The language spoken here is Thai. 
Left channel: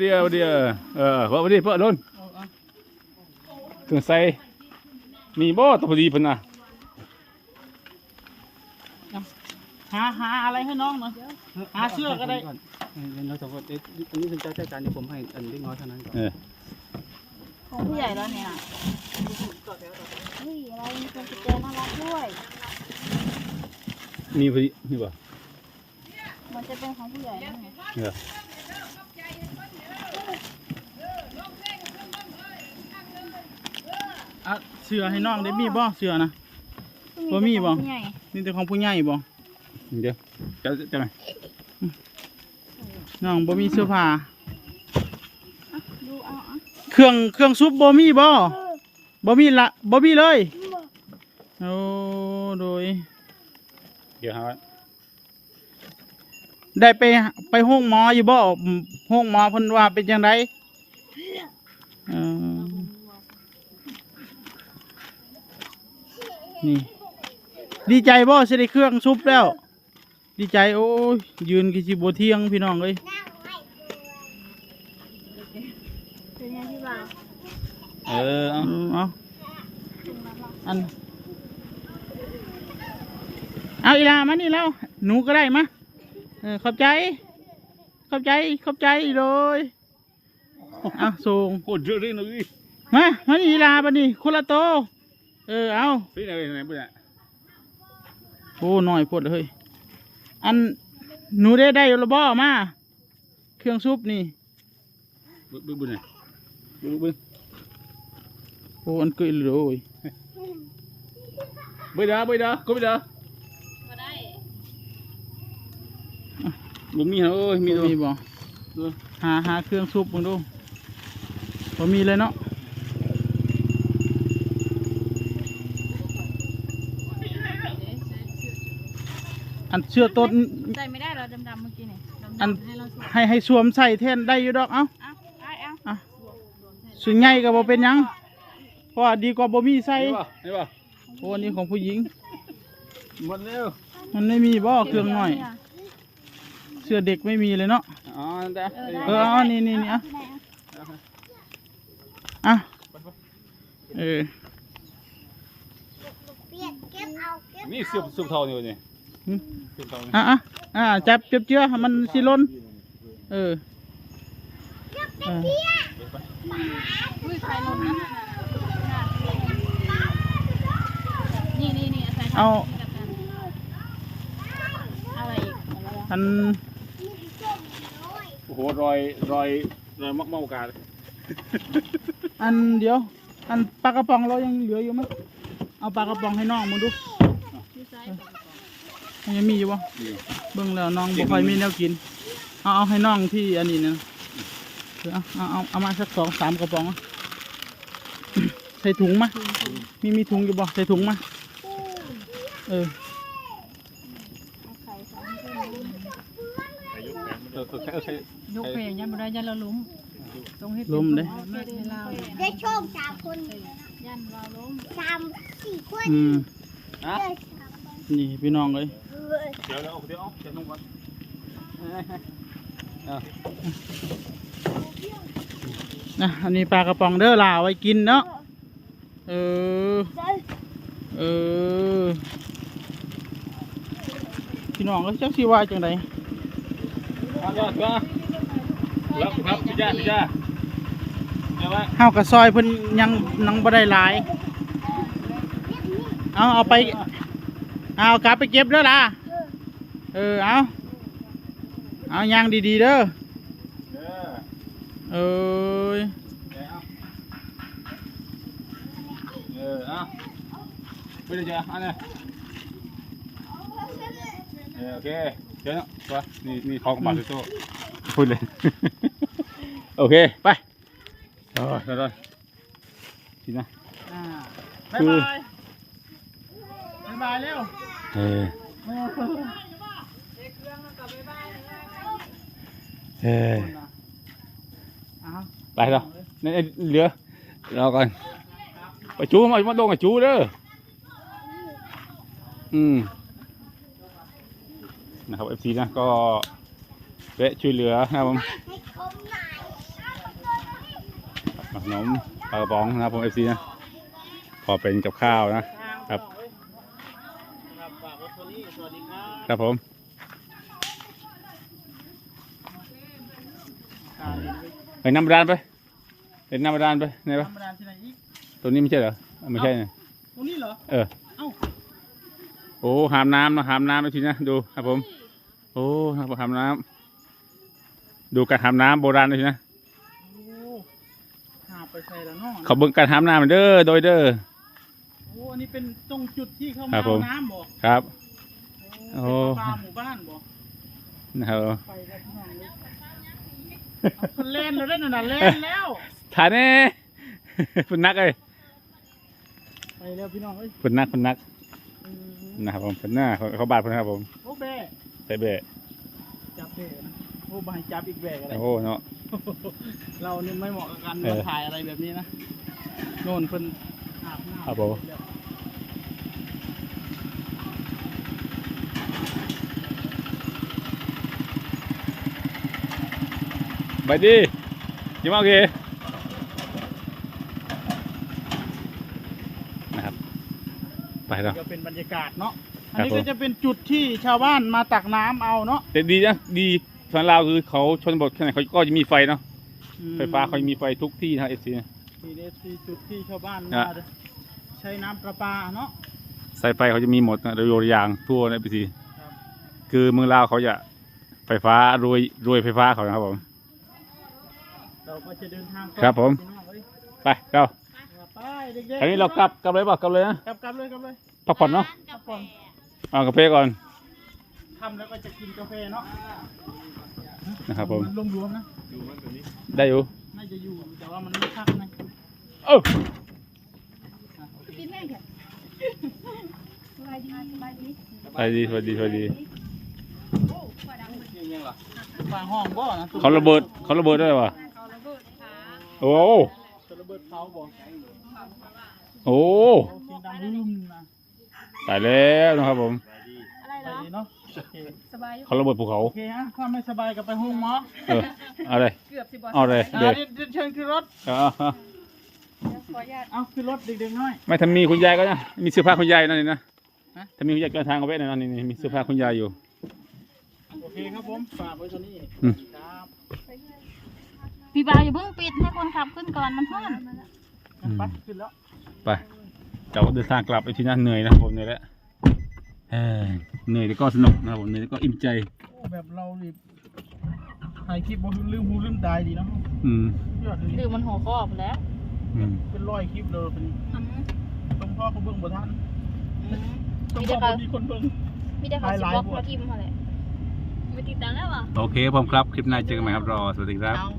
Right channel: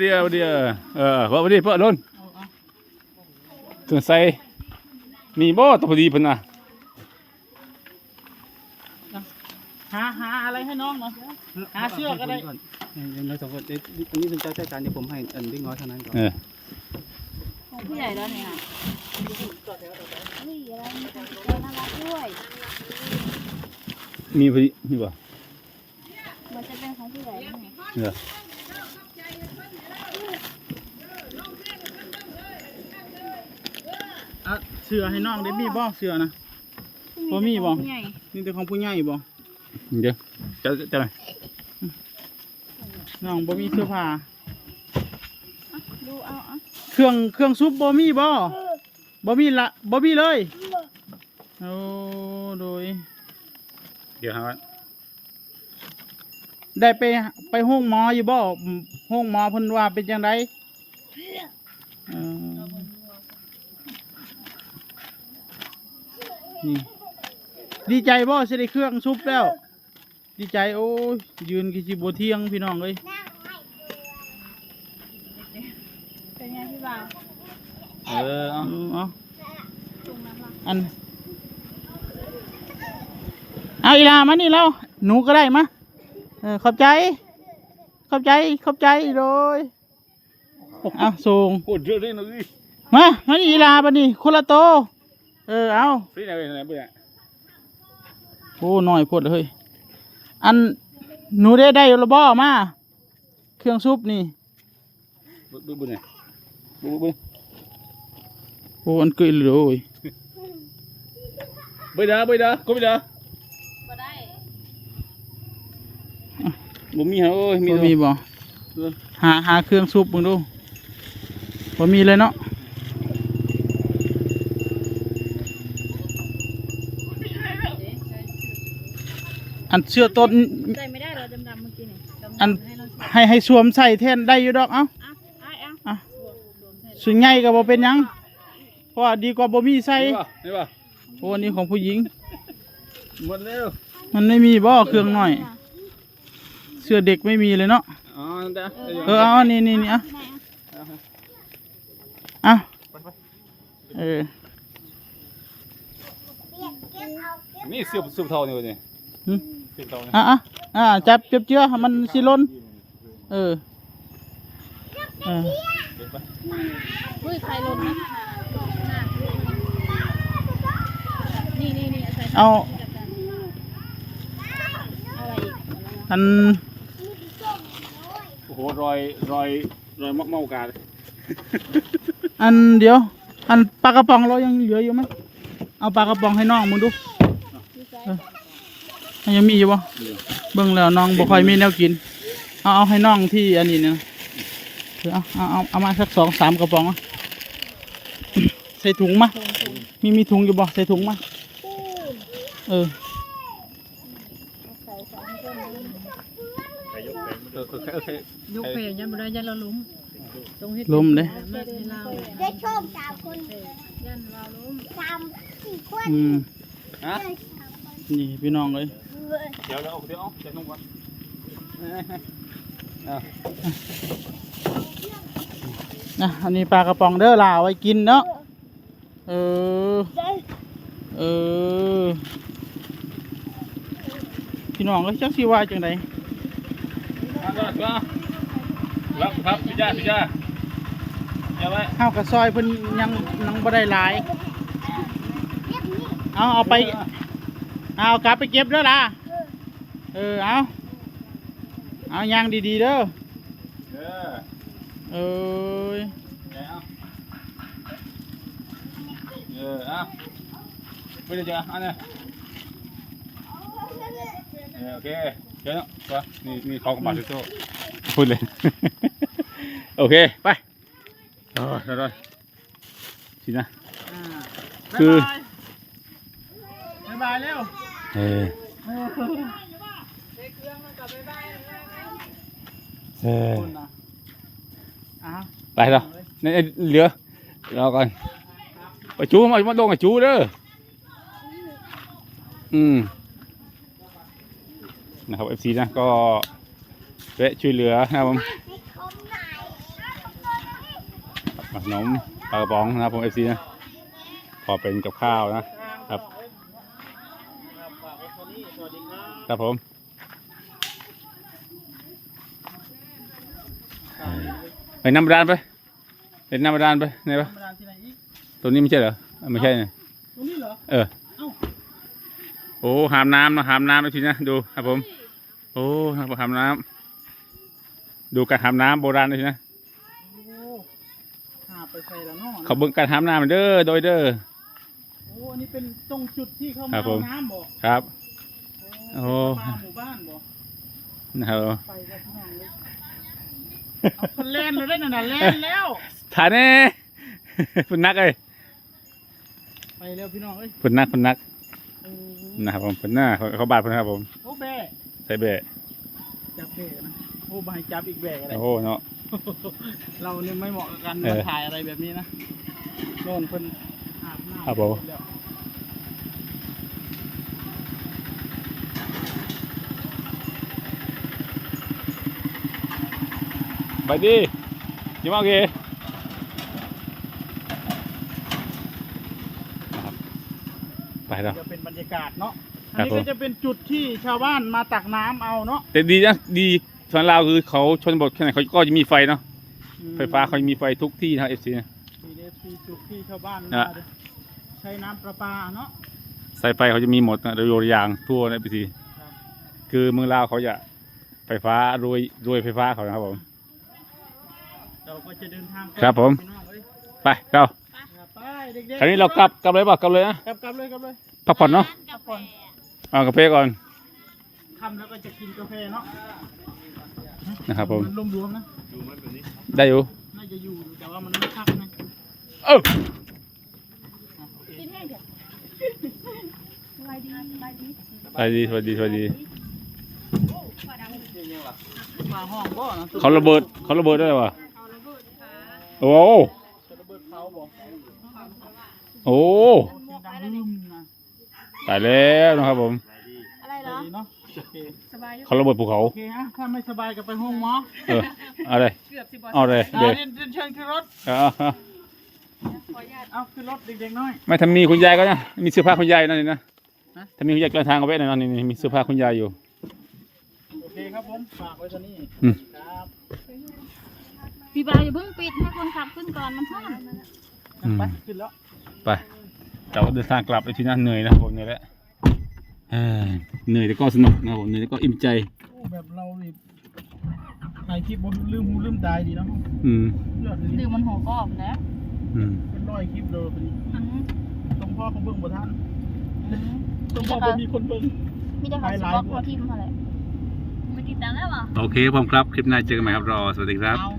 เดียวเดียวเออว่าพอดีเพื่อนโดนถึงใส่มีบ่ตัวพอดีเพิ่นน่ะหาหาอะไรให้น้องหน่อยหาเสื้อก็ได้ก่อนยังไม่สองคนเอ๊ะอันนี้เป็นเจ้าจัดการที่ผมให้อันเล็กน้อยเท่านั้นก่อนเออของผู้ใหญ่แล้วเนี่ยนี่อะไรมีคนเจอน่ารักด้วยมีพอดีมีบ่มันจะเป็นของผู้ใหญ่แล้วเนี่ย เอออะเสื้อให้น้องได้มีบ่เสื้อนะ บ่มีบ่ของผู้ใหญ่นี่แต่ของผู้ใหญ่บ่เดี๋ยวจะจะไหนน้องบ่มีเสื้อผ้าอะดูเอาอะเครื่องเครื่องซุปบ่มีบ่บ่มีละบ่มีเลยโอ้โดยเดี๋ยวหาได้ไปไปห้องหมออยู่บ่อืมห้องหมอเพิ่นว่าเป็นจังไดเออ นี่ ดีใจบ่สิได้เครื่องซุปแล้ว ดีใจโอ้ยยืนกิสิบ่เที่ยงพี่น้องเอ้ยเป็นไงพี่บ่าวเออเอาเออเอาตรงนั้นล่ะอันเอาอีลามานี่แล้วหนูก็ได้มาเออขอบใจ ขอบใจ ขอบใจเลยเอาส่งพูดเรื่องนี้หน่อยมามานี่อีลาบันนี่คนละโต เออเอาไปไหนไปไหนไปไหนโอ้หน่อยพดเฮ้ยอันหนูได้ได้ระบอมาเครื่องซุปนี่บึ้บึ้บึ้ไหนบึ้บึ้โอ้อันเกยเลยไปเด้อไปเด้อก็ไปเด้อบ่ได้บ่มีเหรอเอ้ยมีมีมีมีบ่หาหาเครื่องซุปมึงดูพอมีเลยเนาะ อันเสื้อต้นใส่ไม่ได้เราดำๆเมื่อกี้นี่ดำๆอันให้เราสวมให้ให้สวมใส่แทนได้อยู่ดอกเอ้า อะได้เอาอะ สวมโดนใส่ส่วนใหญ่ก็บ่เป็นหยังเพราะว่าดีกว่าบ่มีใส่นี่ป่ะนี่ป่ะโอ้อันนี้ของผู้หญิง หมดแล้วมันไม่มีบ่เครื่องหน่อย เสื้อเด็กไม่มีเลยเนาะ อ๋อเด้อเออเอานี่นี่นี่อะที่ไหนอะอะเออ นี่เสื้อเสื้อทองนี่นี่หึเสื้ อทองอะอะอะจับเจ็บเจือให้มันสิหล่นเออเอออุ้ยใครรู้นะนี่นี่นี่ใส่เอาอะไรอีกอันโอ้โหรอยรอยรอยมักเมากาอันเดี๋ยว อันปลากระป๋องเรายังเหลืออยู่ไหมเอาปลากระป๋องให้น้องมึงดูที่ใส่ ยังมีอยู่บ่เบิ่งแล้วน้องบ่ค่อยมีแนวกิน เอาเอาให้น้องที่อันนี้เนี่ยเอาเอาเอาเอามาสักสองสามกระป๋องอะใส่ถุงมามีมีถุงอยู่บ่ใส่ถุงมาเออใส่ใส่ให้เพื่อนดูเออเออใช่ยกเพลงยันบ่ได้ยันเราล้มตรงเฮ็ดล้มเด้มาให้เราได้ชมสามคนยันเราล้มสามสี่คนอืมฮะนี่พี่น้องเลย เดี๋ยวเดี๋ยวเดี๋ยวเดี๋ยวนุ่งก่อนนะอันนี้ปลากระป๋องเด้อล่าไว้กินเนาะเออเออพี่น้องก็จักสิว่าจังไดอะก็ก็รับครับจ้าจ้าเอาไว้เฮากับซอยเพิ่นยังยังบ่ได้หลายเอาเอาไป เอากลับไปเก็บเด้อล่ะ เออ เอาเอายางดีๆเด้อ เออเอ้ยเอาเออเอาไปเลยจ้าอันนี้เออโอเคเดี๋ยวนะตัวนี่นี่ของกระบะโซ่พูดเลย โอเค ไปเออเดี๋ยวๆสินะ คือ บ๊ายบายเร็วเออเอออ้าวไปแล้วนี่เหลือรอก่อนไปจูมามาโดนกับจูเด้ออืมนะครับเอฟซีนะก็แวะช่วยเหลือนะครับผมให้ชมหน่อยขนมปลากระป๋องนะครับผมเอฟซีนะพอเป็นกับข้าวนะครับ ฝากไว้เท่านี้สวัสดี ครับครับผมไปน้ำบาดาลไปเห็นน้ำบาดาลไปไหนปะธรรมดาที่ไหนอีกตัวนี้ไม่ใช่เหรออะไม่ใช่เนี่ยตรงนี้เหรอ เออเอ้าโอ้หามน้ำนะหามน้ำไปทีนะดูครับผม โอ้ครับหามน้ำดูการหามน้ำโบราณเลยทีนะ โอ้หาไปใส่ละเนาะเขาเบิ่งการหามน้ำเด้อโดยเด้อ โอ้อันนี้เป็นตรงจุดที่เข้าครัมาบผมเอาน้ำบ่ครับ โอ้โอ้ปลาหมู่บ้านบ่นะครับไปแล้วพี่น้องเลยเอาคนเล่นเลยได้หน่อยเล่นแล้ว ถ่ายแน่คุณนักเอ้ยไปแล้วพี่น้องเอ้ยคุณนักคุณนักเออนะครับผมคุณหน้าเขาเขาบาดคุณครับผมโอ้แบะใส่เบะจับแบะนะโอ้บายจับอีกแบะอะไร โอ้โหเนาะ เราเนี่ยไม่เหมาะกันเออถ่ายอะไรแบบนี้นะโน่นเพิ่นอาบน้ำครับผมแล้ว ไปดิยิ้มโอเคนะครับไปแล้วก็เป็นบรรยากาศเนาะครัอันบนี้ผม ก็จะเป็นจุดที่ชาวบ้านมาตักน้ำเอาเนาะแต่ดีนะดีส่วนเราวคือเขาชนบทขนาดเขาก็จะมีไฟเนาะอืมไฟฟ้าเขาจะมีไฟทุกที่นะครับเอฟซี นี่เด้ที่จุดที่ชาวบ้านนะมาใช้น้ำประปาเนาะ สายไฟเขาจะมีหมดนะโดยโยงยางทั่วในปีซีครับ คือเมืองลาวเขาจะไฟฟ้ารวยรวยไฟฟ้าเขานะครับผม เราก็จะเดินทางครับผมพี่น้องเอ้ยไปเราไปเด็กๆคราวนี้เรากลับกลับเลยป่ะกลับเลยนะกลับกลับเลยกลับเลยพักผ่อนเนาะพักผ่อนเอากาแฟก่อนทำแล้วก็จะกินกาแฟเนาะนะครับผมนรวมๆนะได้อยู่น่าจะอยู่แต่ว่ามันไม่พักนะเอออะโอเคกินแม่งเถอะสบายดีสบายดีสวัสดีสวัสดีสวัสดีฟ้าห้องบ่นะเขาระเบิดเขาระเบิดได้ป่ะ โอ้ จะระเบิดเขาบ่โอ้โอ้เสียงดังลืมนะตายแล้วนะครับผมอะไรไปเหรอดีเนาะโอเคสบายอยู่เขาระเบิดภูเขา โอเคฮะถ้าไม่สบายก็ไปห้องหมอเออเอาเลย เกือบสิบวันเอาเลยอ่าเด็กเดินเดินเชิญขึ้นรถเอาเอาเอาขออนุญาตเอาขึ้นรถเด็กๆน้อย ไม่ทำมีคุณยายก็เนี่ยมีเสื้อผ้าคุณยายนั่นนี่นะฮะถ้ามีคุณยายกลางทางก็ไว้หน่อยนี่นี่มีเสื้อผ้าคุณยายอยู่ โอเคครับผมฝากไว้ตัวนี้อืมครับ พี่บ่าวอย่าเพิ่งปิดให้คนขับขึ้นก่อนมันท่อนไปขึ้นแล้วไปเราเดินทางกลับไปที่นั่นเหนื่อยนะครับผมเหนื่อยแล้วเอ้ยเหนื่อยแต่ก็สนุกนะครับผมเหนื่อยแต่ก็อิ่มใจ โอ้แบบเรานี่ถ่ายคลิปบ่ลืมหูลืมตายดีเนาะอืม ยอดเลยดื่มมันหัวก็ออกแล้วอืม เป็นร้อยคลิปเลยเป็นอืมต้องพ่อเขาเบิ่งบ่ทันอืมต้องพ่อบ่มีคนเบิ่ง มีแต่เขาสิบอกเขาทิมอะไรไม่ติดตามแล้วเหรอ โอเคผมครับ คลิปหน้าเจอกันใหม่ครับรอ สวัสดีครับ เอา